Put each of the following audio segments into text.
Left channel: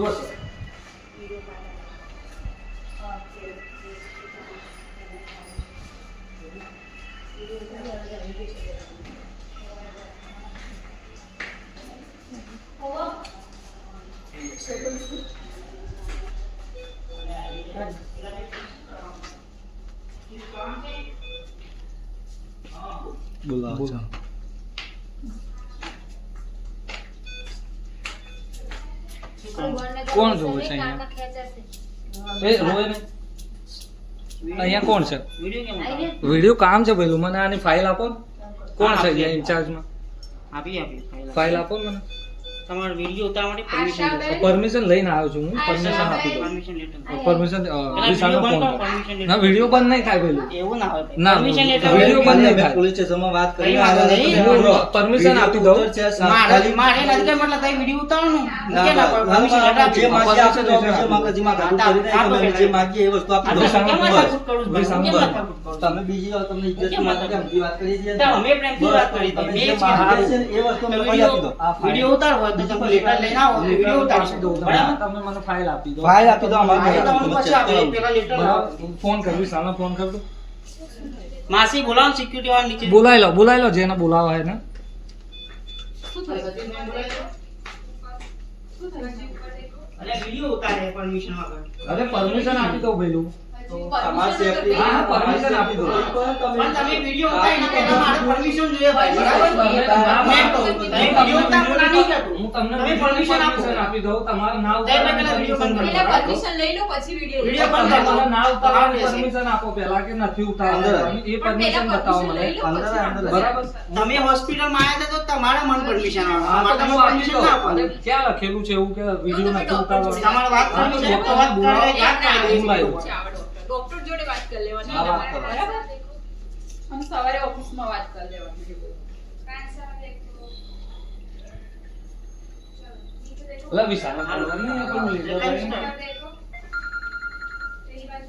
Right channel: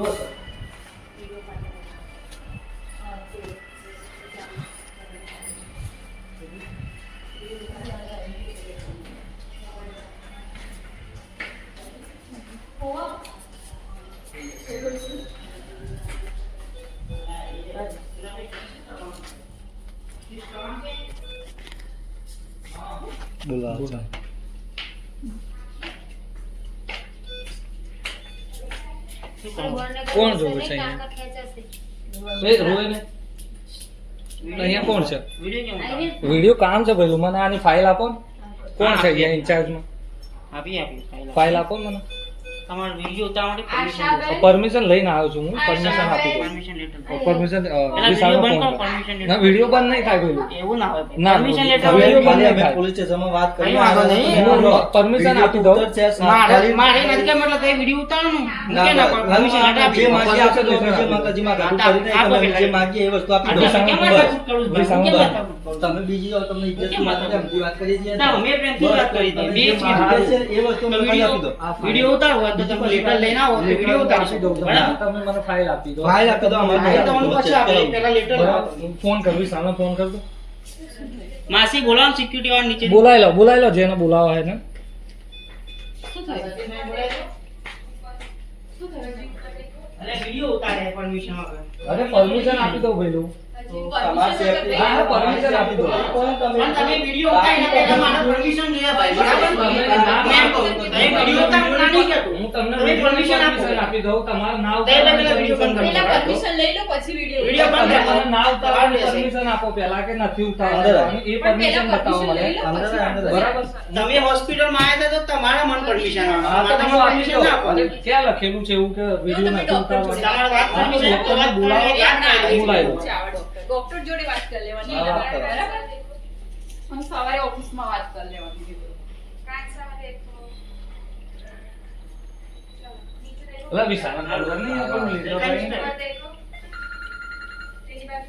જો સર બોલાવો છો કોણ? જોવે છે અહીંયા? એ રોવે ને અહીંયા કોણ છે? વીડિયો કેમ ઉતારો? વીડિયો કામ છે ભાઈ મને આની ફાઇલ આપો કોણ છે અહીંયા ઇન્ચાર્જમાં આપી આપી. ફાઇલ. ફાઇલ આપો મને. તમારે વિડિયો ઉતારવા માટે પરમિશન જોઈશે પરમિશન લઈને આવ્યો છું હું. પરમિશન આપી દઉં. પરમિશન લેટર પરમિશન વીડિયો બંધ કરો પરમિશન ના વિડિયો બંધ નહીં થાય પેલું. એવું ના હોય ના, પરમિશન લેટર વિડિયો બંધ નહીં થાય. પોલીસ સ્ટેશનમાં વાત કરી. કઈ નહીં. પરમિશન આપી દઉં. મારે મારે નથી કે મતલબ તારી વિડિયો ઉતારવાનું. મૂકે ના પરમિશન લેટર આપી જે દો. માંગીએ આપી દો, અમે જે માંગે, જે માંગે. કરી દે, આપો જે માંગીએ એ વસ્તુ આપી દઉં કેમ. કરું કેમ કરું? તમે બીજી વાર તમને ઇજ્જત માથાકૂટ? વાત કરી છે? તો અમે પ્રેમથી વાત કરી છે બે. છે એ વસ્તુ તો આપી દો. વિડિયો હોય તો તમે લેટર લઈને આવો તો વિડિયો ઉતારી. બરાબર? તમે મને ફાઇલ આપી દો. ફાઇલ આપી દો, અમારે તમને પછી આપી દો. પેલા લેટર ફોન કરું સામે ફોન કર દો માસી બોલાવો સિક્યુરિટી વાળા નીચે. બોલાઈ લો બોલાઈ લો જેને બોલાવા હે ને અરે વીડિયો ઉતારે પરમિશન વગર. અરે પરમિશન આપી દો આપી દો. ભાઈ તમે વીડિયો ઉતારો ના નહીં કહેતો. હું તમને તમે permission permission આપો. આપી દઉં તમારું નામ તે એટલે પેલા વીડિયો બંધ કરો. પેલા પરમિશન લઈ લો પછી વીડિયો વીડિયો બંધ તમે કરો. મને ના ઉતારવાની પરમિશન આપો. પહેલા કે નથી ઉતારવાની. એ પરમિશન બતાવો મને. લો અંદર, પછી અંદર. વાત બરાબર? તમે હોસ્પિટલમાં આવ્યા તો તમારા મન પરમિશન આપી પરમિશન ના આપો. ક્યાં લખેલું છે એવું કે વીડિયો નથી ઉતારવાનો તમારે વાત કરવી છે. તો વાત બોલાવો. બોલાવો. ડોક્ટર. જોડે વાત કરી લેવાની. હા, વાત કરો. બરાબર? હું સવારે ઓફિસમાં વાત કરી લેવાની એટલે વિશાલ બોલવા નહીં આપણને લીધો ભાઈ.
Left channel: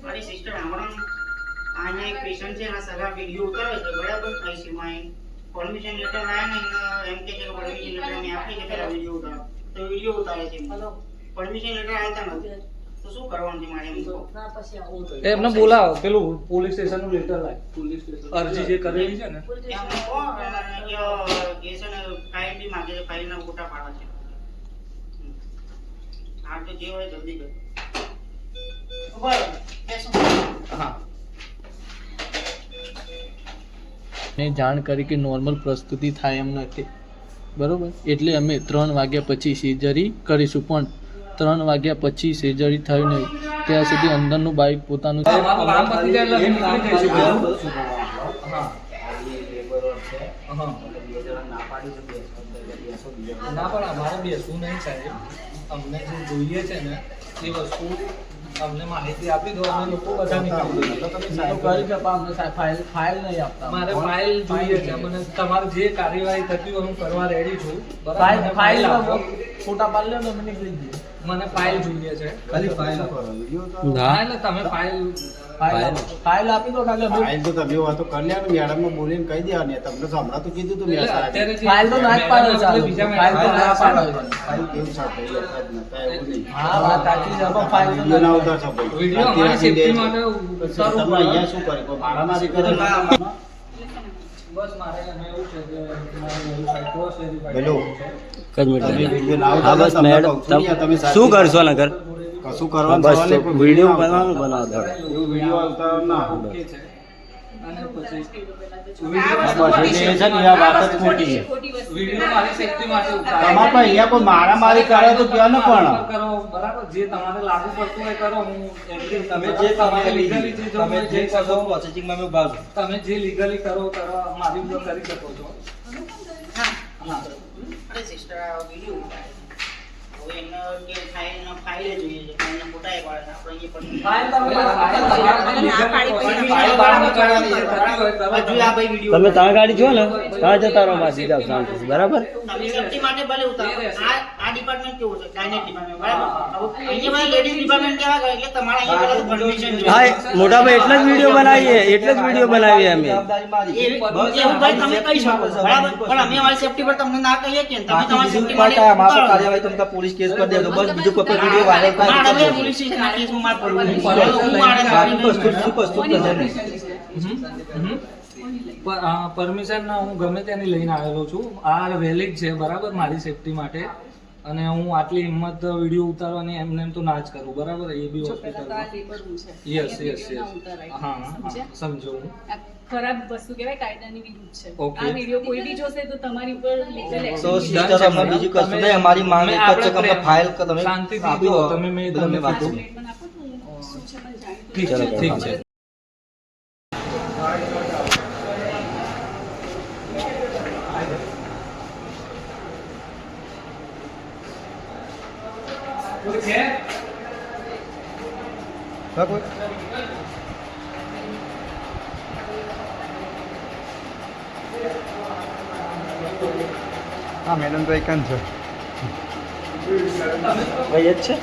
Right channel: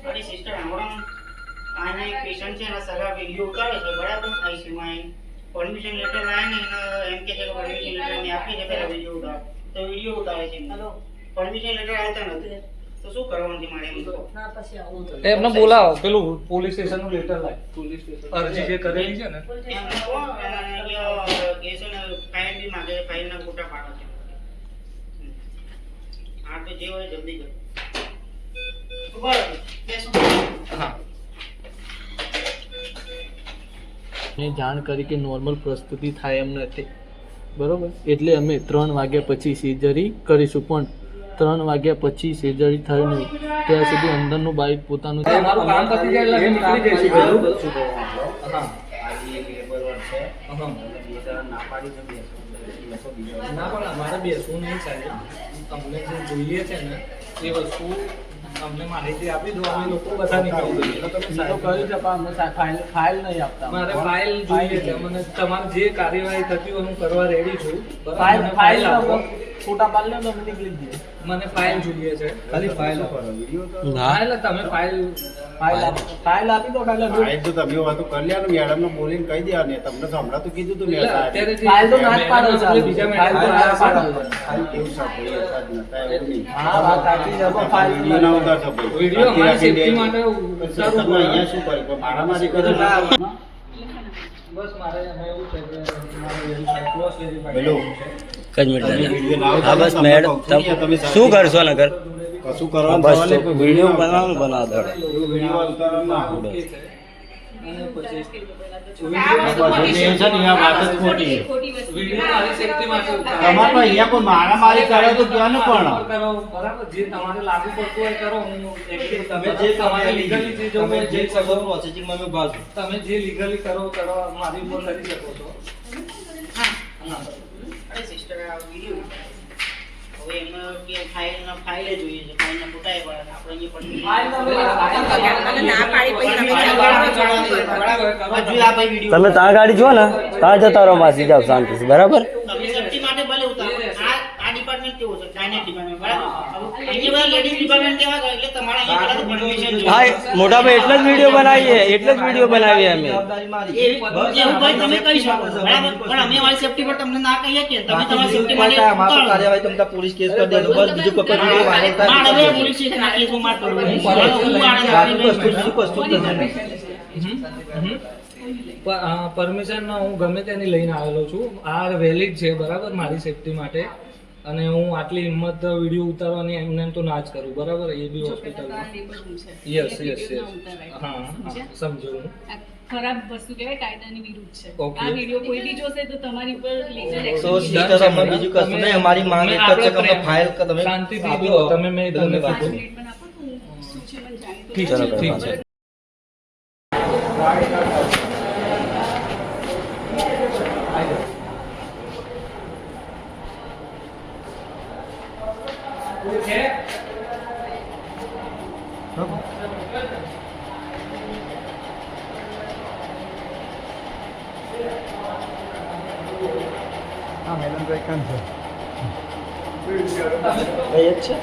મારી સિસ્ટર હમણાં આના એક પેશન્ટ છે એના સગા વીડિયો ઉતારે છે બરાબર? આઈસીયુમાં પરમિશન લેટર આવે ને એમ કે છે કે પરમિશન લેટર મેં આપી છે પેલા વીડિયો ઉતારો. તો વીડિયો ઉતારે છે પરમિશન લેટર આવતા નથી. તો શું કરવાનું છે મારે એમ તો એમને બોલાવો પેલું પોલીસ સ્ટેશનનું લેટર લાય. પોલીસ સ્ટેશન અરજી જે કરેલી છે ને. એમને કહો કે કે છે ને ફાઇલ બી માંગે છે ફોટા પાડવા છે. હા તો જે હોય જલ્દી કર. બરાબર બેસો. હા. મેં જાણ કરી કે નોર્મલ પ્રસ્તુતિ થાય એમ નથી. બરોબર? એટલે અમે ત્રણ વાગ્યા પછી સર્જરી કરીશું પણ ત્રણ વાગ્યા પછી સર્જરી થયું નહીં. ત્યાં સુધી અંદરનું બાઇક પોતાનું. ના પણ અમારે બેસવું નહીં સાહેબ. અમને જે જોઈએ છે ને એ વસ્તુ તમને માહિતી આપી દો અમે લોકો બધા નીકળી અમને ફાઇલ ફાઇલ નહીં આપતા. મારે ફાઇલ જોઈએ છે મને તમારે જે કાર્યવાહી થતી હોય હું કરવા રેડી છું? ફાઇલ ફાઇલ ફોટા પાડી લો અમે નીકળી જઈએ. મને ફાઇલ જોઈએ છે. ખાલી ફાઇલ ના. એટલે તમે ફાઇલ ફાઇલ આપી. દો અમે ફાઇલ તો તમે વાતો કરી લેવાનું મેડમ ને બોલીને કહી દેવાની. તમને તો હમણાં તો કીધું તું ને એટલે ફાઇલ તો ના જ પાડો મેડમ બીજા ફાઇલ તો ના પાડો. ફાઇલ કેમ નહીં હા વાત સાચી છે પણ ફાઇલ વીડિયો ના ઉતારશો ભાઈ. વિડિયો મારી અત્યારે માટે દેજો. ઉતારવું અહીંયા શું કરે? મારા મારી કરે ના બસ મારે એવું છે કે મારે હા બસ મેડમ શું કરશો નગર? કશું કરવાનું બસ વીડિયો બનાવવાનું. બનાવો વીડિયો ના. અને પછી વાત જ ખોટી છે. વીડિયો મારી માટે તમારે અહીંયા કોઈ મારામારી કરે તો ત્યાં ને પણ? કરો બરાબર. જે તમારે લાગુ પડતું હોય કરો હું. તમે જે તમારે લીગલી જે જોવું તમે જે જે કરો કરો. પ્રોસેસિંગમાં અમે ભાગ તમે જે લીગલી કરો કરો મારી ઉપર કરી શકો છો. હા. અરે સિસ્ટર આ વીડિયો હવે એમને કે ફાઇલના ફાઇલે જોઈએ છે ફાઇલના ફોટા એ પાડે આપણે અહીંયા પણ હજુ આ ભાઈ વીડિયો તમે ત્યાં ગાડી જો ને? ત્યાં જતા રહો માસી સીધા શાંતિ બરાબર? માટે ભલે ઉતારો. આ આ આ ડિપાર્ટમેન્ટ કેવું છે? ગાયનેક ડિપાર્ટમેન્ટ બરાબર? અહીંયા બધા લેડીઝ ડિપાર્ટમેન્ટ કેવા કરે એટલે તમારે અહીંયા પહેલા પરમિશન હા મોટા ભાઈ એટલે જ વીડિયો બનાવીએ એટલે જ વીડિયો બનાવીએ અમે. એવું ભાઈ તમે કહી શકો બરાબર? પણ અમે અમારી સેફટી પર તમને ના કહીએ કે તમે તમારી સેફટી માટે અમારા કાર્યવાહી તમને પોલીસ કેસ કરી દેજો બસ બીજું કોઈ વીડિયો વાયરલ થાય અમે પોલીસ સ્ટેશનમાં કેસમાં માર પડવું. બાકી હું શું કશું જ પરમિશન હું ગમે ત્યાંની લઈને આવેલો છું. આ વેલિડ છે બરાબર મારી સેફટી માટે. અને હું આટલી હિંમત વીડિયો ઉતારવાની એમને એમ તો ના જ કરું બરાબર? એ બી હોસ્પિટલમાં યસ યસ યસ હા સમજો ખરાબ વસ્તુ કહેવાય કાયદાની વિરુદ્ધ છે. આ વીડિયો કોઈ બી જોશે તો તમારી ઉપર લીગલ એક્શન સો સ્પીકર અમે બીજું કશું નહીં અમારી માંગ એક જ છે કે અમે ફાઇલ તમે શાંતિથી આપી તમે મેં ધન્યવાદ તમને વાત કીધું. કરીએ. સ્ટેટમેન્ટ આપો તો શું છે મને જાણીતું ઠીક છે ઠીક છે. કોઈ છે હા મેડમ તો એક છે. ભાઈ એ જ છે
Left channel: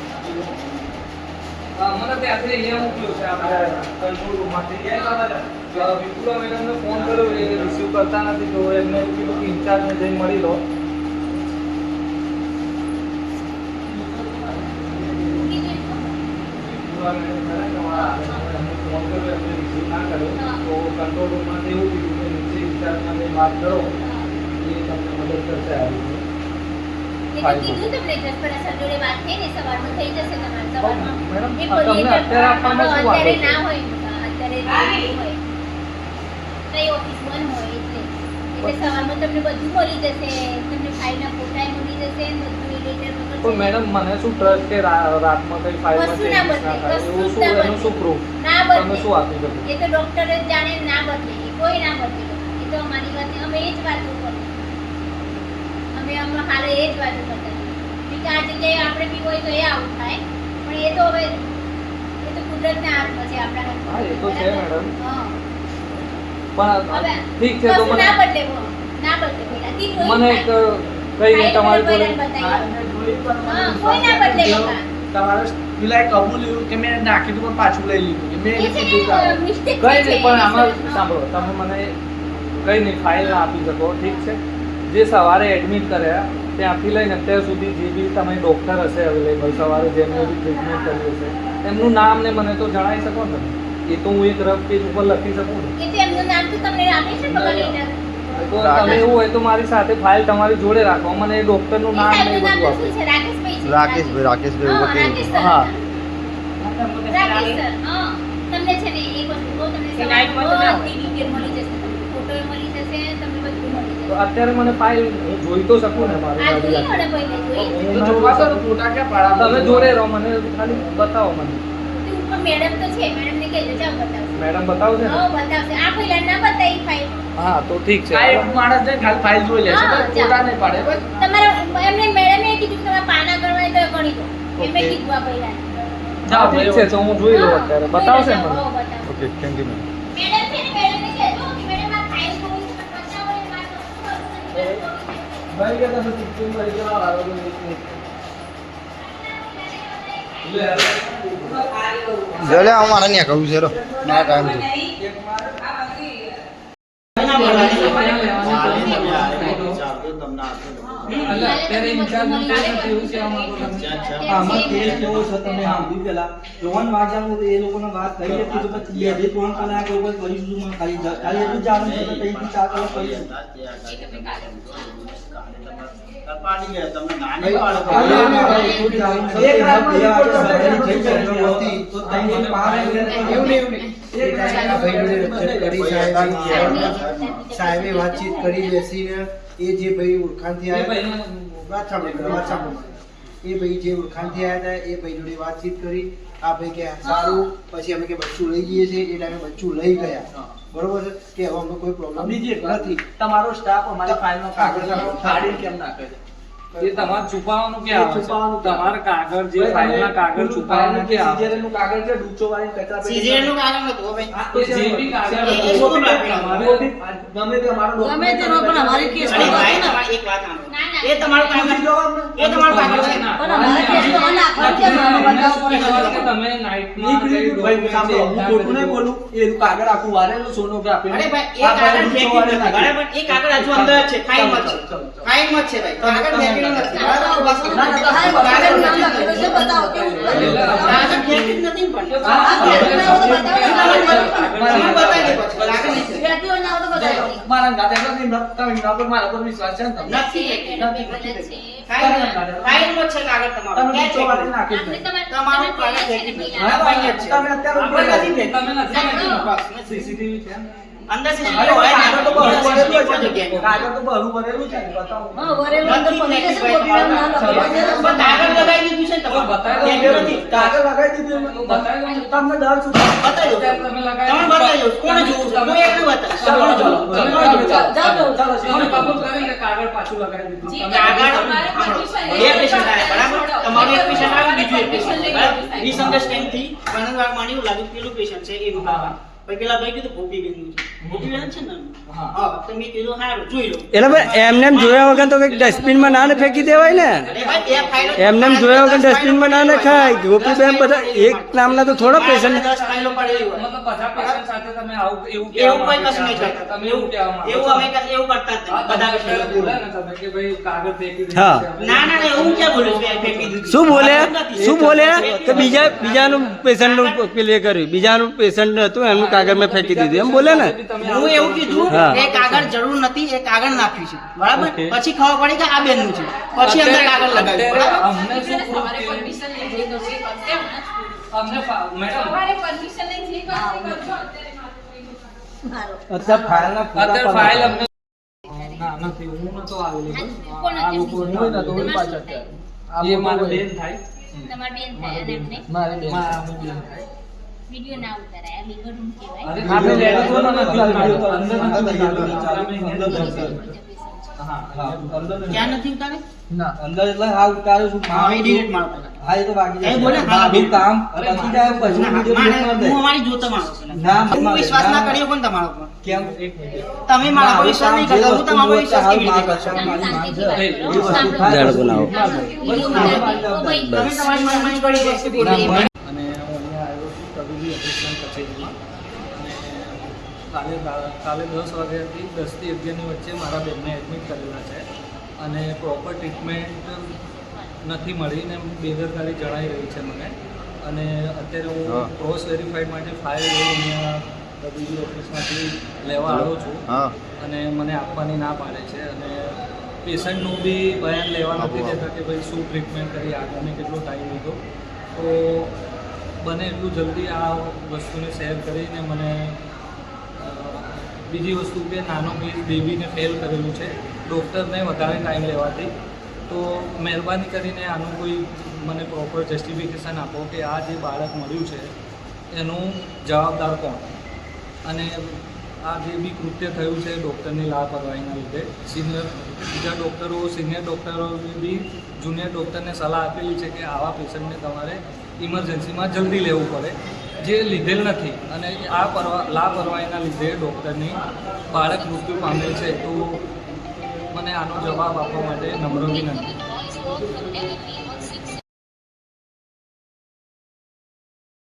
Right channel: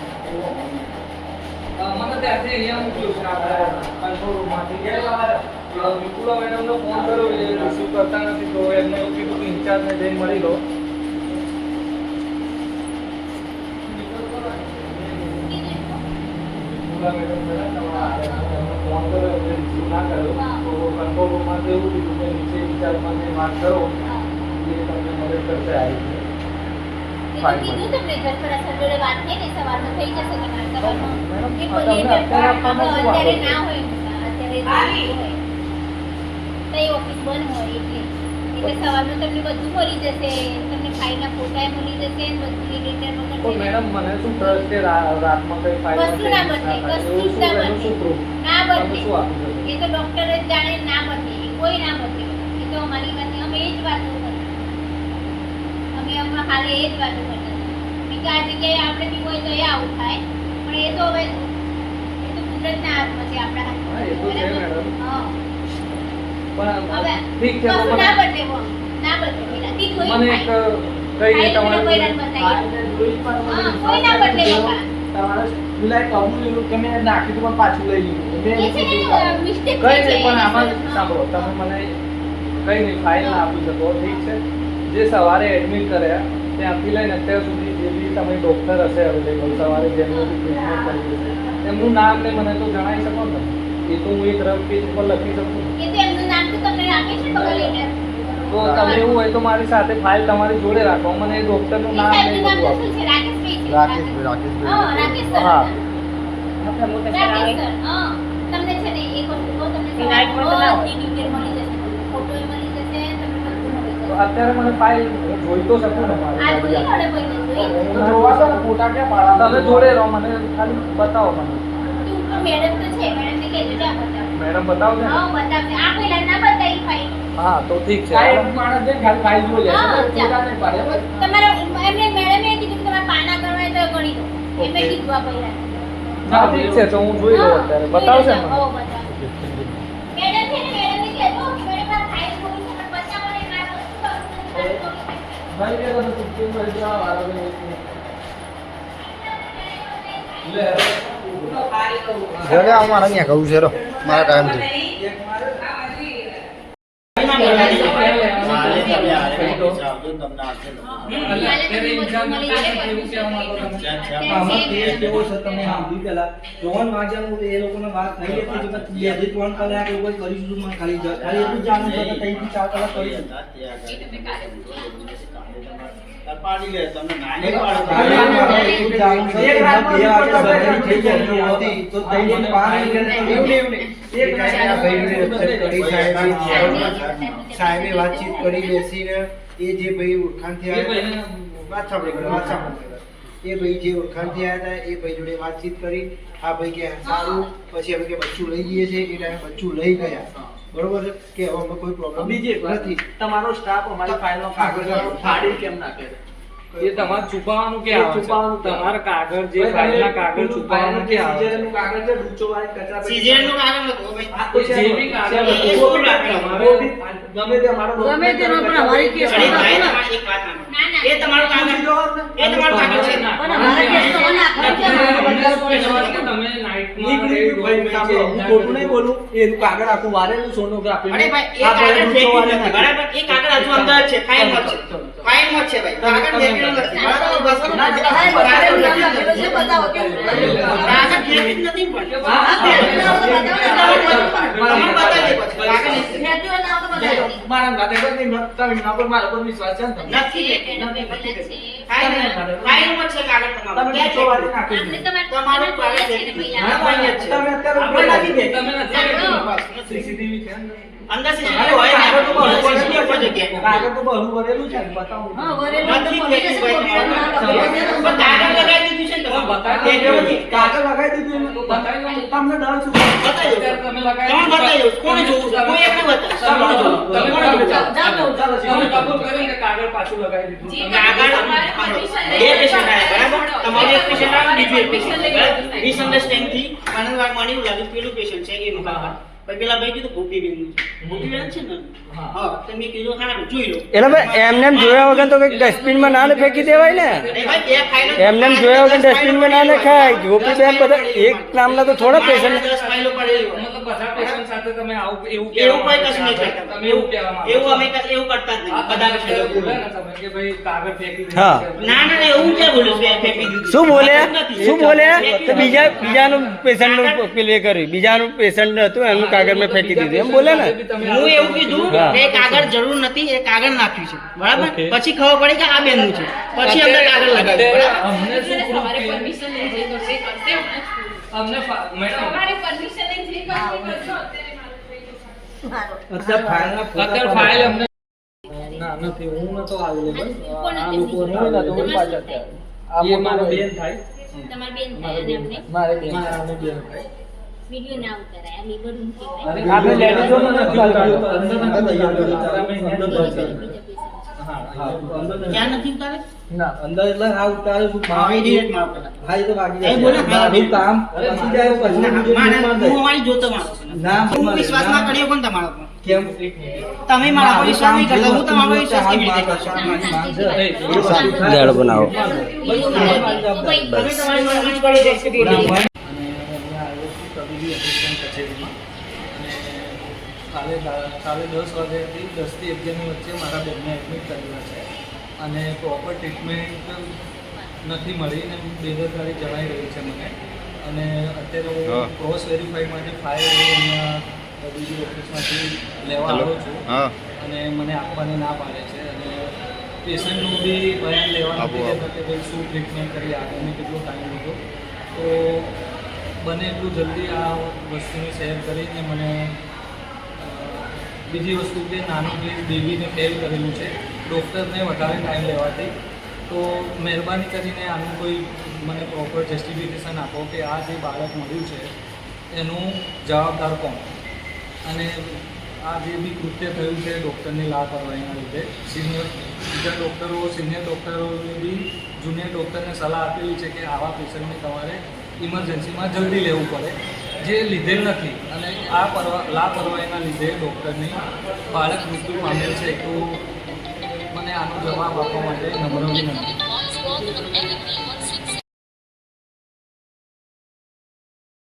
મને ત્યાંથી અહીંયા મોકલ્યું છે આપણા કંટ્રોલ રૂમમાંથી કે અ, વિપુલા મેડમનો ફોન કર્યો એ રિસીવ કરતા નથી તો એમને એવું કીધું કે ઇન્ચાર્જને જઈને મળી લો. અત્યારે? ના હોય અત્યારે તઈ ઓફિસ બંધ હોય એટલે. એટલે સવારમાં તમને બધું મળી જશે તમને ફાઇલના ફોટા મળી જશે બધું તો. મેડમ મને શું ટ્રસ્ટ કે રાતમાં કઈ ફાઇલમાં કશું ના બદલે, કશું જ ના બદલે. શું પ્રૂફ ના તમે બદલે શું આપી શકો એ તો ડોક્ટર જ જાણે ના બદલે કોઈ ના બદલે એ તો અમારી વાત અમે એ જ વાતો કરતા અમે અમે હાલે એ જ વાતો કરતા કે આ જગ્યાએ આપણે બી હોય તો એ આવું થાય પણ એ તો હવે એ તો કુદરતના હાથમાં છે આપણા હાથમાં એ તો છે? મેડમ. હા. પણ હવે ઠીક છે તો ના બદલે ના બદલે પેલા કોઈ મને એક. કઈ નહીં તમારે. તમારે પેલા કબૂલ લીધું કે મેં નાખ્યું દીધું પણ પાછું લઈ લીધું. મેં કઈ નહીં પણ આમાં સાંભળો તમે મને કઈ નહીં ફાઇલ ના આપી શકો ઠીક છે? જે સવારે એડમિટ કર્યા ત્યાંથી લઈને અત્યાર સુધી જે બી તમે ડોક્ટર હશે અવેલેબલ સવારે જેમને બી ટ્રીટમેન્ટ કરી હશે એમનું નામ ને મને તો જણાવી શકો ને? એ તો હું એક રફ પેજ ઉપર લખી શકું એમનું નામ તો તમને આપી છે તો તમે એવું હોય તો મારી સાથે ફાઇલ તમારી જોડે રાખો. મને એ ડોક્ટરનું નામ ને તો બધું શું છે? રાકેશભાઈ રાકેશભાઈ રાકેશભાઈ. હા રાકેશ સર. હા. રાકેશ સર હા. તમને છે ને એક વસ્તુ તમને સવારે ડિટેલ મળી જશે ફોટો મળી જશે તમને બધું મળી જશે. અત્યારે મને ફાઇલ હું જોઈ તો શકું ને મારી આ જોઈ આખી. ને જોઈ? તો જોવા દો ફોટા ક્યાં પાડવા તમે જોડે રહો મને ખાલી બતાવો મને. તે ઉપર મેડમ તો છે મેડમ ને કહેજો આ બતાવજો મેડમ બતાવો ને? હા બતાવશે આ પહેલા ના બતાવી ફાઈલ હા તો ઠીક છે. ફાઇલ માણસ ને ખાલી ફાઈલ જોઈ લે હા, છે ફોટા પાડે બસ. તમારે એમને મેડમે કીધું કે તમારે પાના ગણવા તો ગણી દો. એમે કીધું આ પહેલા હા ઠીક છે તો હું જોઈ લઉં અત્યારે. બતાવશે મને? હો બતાવશે ઓકે થેન્ક યુ મેડમ છે ને મેડમ ને કહેજો કે મેડમ આ ફાઇલ જોઈ છે પણ બતાવો ને આ વસ્તુ કરશું ભાઈ કે તમે ટિફિન ભરી દેવા વાળા છો લે લે હું મારે ત્યાં કહું છે રો. મારા ટાઈમથી ખાલી એટલું જાણવું છે કે ત્રણથી ચાર કલાક કરીશું ખાલી એટલું જ જાણવું છે કે એમના બે વાગે સર્જરી થઈ જાય એમની હતી તો ત્રણથી સાહેબે વાતચીત કરી બેસીને એ જે ભાઈ ઓળખાણથી એ આવ્યા ભાઈને વાત સાંભળી એ ભાઈ જે ઓળખાણથી આવ્યા હતા એ ભાઈ જોડે વાતચીત કરી. આ ભાઈ કે સારું. પછી અમે કે બચ્ચું લઈ જઈએ છીએ. એ ટાઈમે બચ્ચું લઈ ગયા. બરોબર છે? કે હવે અમને કોઈ પ્રોબ્લેમ બીજી એક નથી. તમારો સ્ટાફ અમારી ફાઇલનો કાગળ ફાડી કેમ નાખે એ તમારે છુપાવવાનું છે? છુપાવવાનું તમારે કાગળ જે ફાઇલના કાગળ છુપાવવાનું કે સીઝરનું કાગળ છે ડૂચો વાળી કચરા. સીઝરનું કારણ હતું ભાઈ. આ તો જે બી કાગળ છે, એ બી તમારે- ગમે તે અમારો ગમે તે પણ અમારી કેસ ને. એક વાત સાંભળો. ના એ તમારો કાગળ એ તમારો કાગળ છે. પણ કાગળ આખું વારેલું સોનોગ્રાફી અરે ભાઈ એ કાગળ બરાબર એ કાગળ હજુ અંદર છે ફાઇલમાં જ છે ફાઇલમાં જ છે ભાઈ કાગળ ફેંકેલું નથી બરાબર બસ કાગળ નામ લખેલું છે, બતાવો કેવું કાગળ ફેંકી નથી પણ હા, નથી. બતાવો. મારા ગાતે તો નહીં, તમે એના પર મારા પર વિશ્વાસ છે ને તમને? નથી છે ફાઇલ ફાઇલમાં છે કાગળ તમારું તમે વાળી નાખી તમારે. તમે અત્યારે ઉપર નથી નથી તમે નથી. સીસીટીવી છે ને? અંદર ને, કાગળ તો બહુ છે. કાગળ તો બહુ ભરેલું છે, બતાવો. હા, ભરેલું તો છે. પણ કાગળ લગાવી દીધું છે તમે તમારું. બતાવી દો. ફેંક્યું નથી. કાગળ લગાવી દીધું એમાં. બતાવી તમને ડર શું બતાવી તમે લગાવી તમે બતાવી કોણ જોવું છે? કોઈ એકને બતાવો. ચાલો, ચાલો. તમે ચાલો, કબૂલ જાઓ ચાલો, ચાલો, તમે કબૂલ કરીને કાગળ પાછું લગાવી દીધું તમે કાગળ બે patient આવ્યા, બરાબર? તમારું એક આવ્યું, બીજું એક? પડશે. Misunderstand થી આનંદ એવું લાગ્યું પેલું પેશન્ટ છે એ હા. પછી પેલા ભાઈ કીધું ભૂપી બેનનું છે ભૂપી બેન છે ને હા. હા તો મેં કીધું હારું જોઈ લો એટલે ભાઈ એમને એમ જોયા વગર તો કંઈક ડસ્ટબિનમાં ના ને ફેંકી દેવાય ને અરે ભાઈ, બે ફાઇલો જ- એમને એમ જોયા વગર ડસ્ટબિનમાં ના નખાય ગોપીબેન બધા એક નામના તો થોડા મારા પેશન્ટ દસ ફાઇલો પડેલી હોય મતલબ બધા patient સાથે તમે આવું એવું એવું કહેવા કોઈ માંગો કશું નહીં છો. કરતા તમે એવું કહેવા માંગો એવું છો. અમે કશું એવું કરતા જ હા, નહીં બધા તમે patient બોલ્યા ને તમે કે ભાઈ કાગળ ફેંકી દીધું હા. છે. ના ના ના, એવું ક્યાં બોલ્યું છે ફેંકી દીધું શું બોલ્યા નથી. શું બોલ્યા તો બીજા બીજાનું પેશન્ટનું પેલું કર્યું બીજાનું પેશન્ટ હતું એમનું કાગળ મેં ફેંકી દીધી. એમ બોલે ને? હું એવું કીધું. કે કાગળ જરૂર નથી એ કાગળ નાખ્યું છે. બરાબર? પછી ખબર પડી કે આ બેનનું છે. પછી અંદર કાગળ લગાવ્યું. એ એ ના નથી. હું નતો available. આ લોકો હું નતો, પાછા તમારે ત્યાં. બેન થાય. તમારી બેન થાય મારે અને બેન થાય. વીડિયો ના ઉતારાય આ લીગલ રૂમ કહેવાય. આપણે લેડીઝોમાં નથી કર્યું તો અંદર નથી તૈયાર કર્યું. અમે અહીંયા જ અંદર બેસીએ. નથી. હા, હા, અંદર ક્યાં નથી ઉતારે ના અંદર એટલે હા ઉતારે શું મારે ડિરેક્ટ મારો પેલા. હા એ તો બાકી એ બોલે, મારું કામ પછી જાય પછી ના, બીજો મારે- બીજો હું કરી જોતો માણસ ના, હું વિશ્વાસ ના. ના, કર્યો પણ તમારો પર કેમ? તમે મારા પર વિશ્વાસ નહીં કરતા હું તમારો વિશ્વાસ કેવી રીતે કરશો? બનાવો. તમે તમારી મરજી પડી જશે બોલી અને હું અહીંયા આવ્યો છું તબીબી અધિક્ષણ કચેરીમાં અને કાલે કાલે દસ વાગ્યાથી દસથી અગિયારની વચ્ચે મારા બેનને એડમિટ કરેલા છે અને પ્રોપર ટ્રીટમેન્ટ નથી મળી ને બેદરકારી જણાઈ રહી છે મને. અને અત્યારે હું ક્રોસ વેરીફાઈ માટે ફાઇલ અહીંયા તબીબી ઓફિસમાંથી લેવા આવ્યો છું. અને મને આપવાની ના પાડે છે. અને પેશન્ટનું બી બયાન લેવા નથી દેતા કે ભાઈ શું ટ્રીટમેન્ટ કરી આગળને કેટલો ટાઈમ લીધો. તો બને એટલું જલ્દી આ વસ્તુને શેર કરીને મને બીજી વસ્તુ કે નાનો કેસ દેવીને ફેલ કરેલું છે. ડૉક્ટરને વધારે ટાઈમ લેવાથી. તો મહેરબાની કરીને આનું કોઈ મને પ્રોપર જસ્ટિફિકેશન આપો કે આ જે બાળક મળ્યું છે, એનું જવાબદાર કોણ? અને આ જે બી કૃત્ય થયું છે ડૉક્ટરની લાપરવાહીના લીધે સિનિયર બીજા ડૉક્ટરો સિનિયર ડૉક્ટરોએ બી જુનિયર ડૉક્ટરને સલાહ આપેલી છે કે આવા પેશન્ટને તમારે ઇમરજન્સીમાં જલ્દી લેવું પડે. જે લીધેલ નથી અને આ પરવા, લાપરવાહીના લીધે ડૉક્ટરની બાળક મૃત્યુ પામેલ છે, તો મને આનો જવાબ આપવા માટે નમ્ર વિનંતી.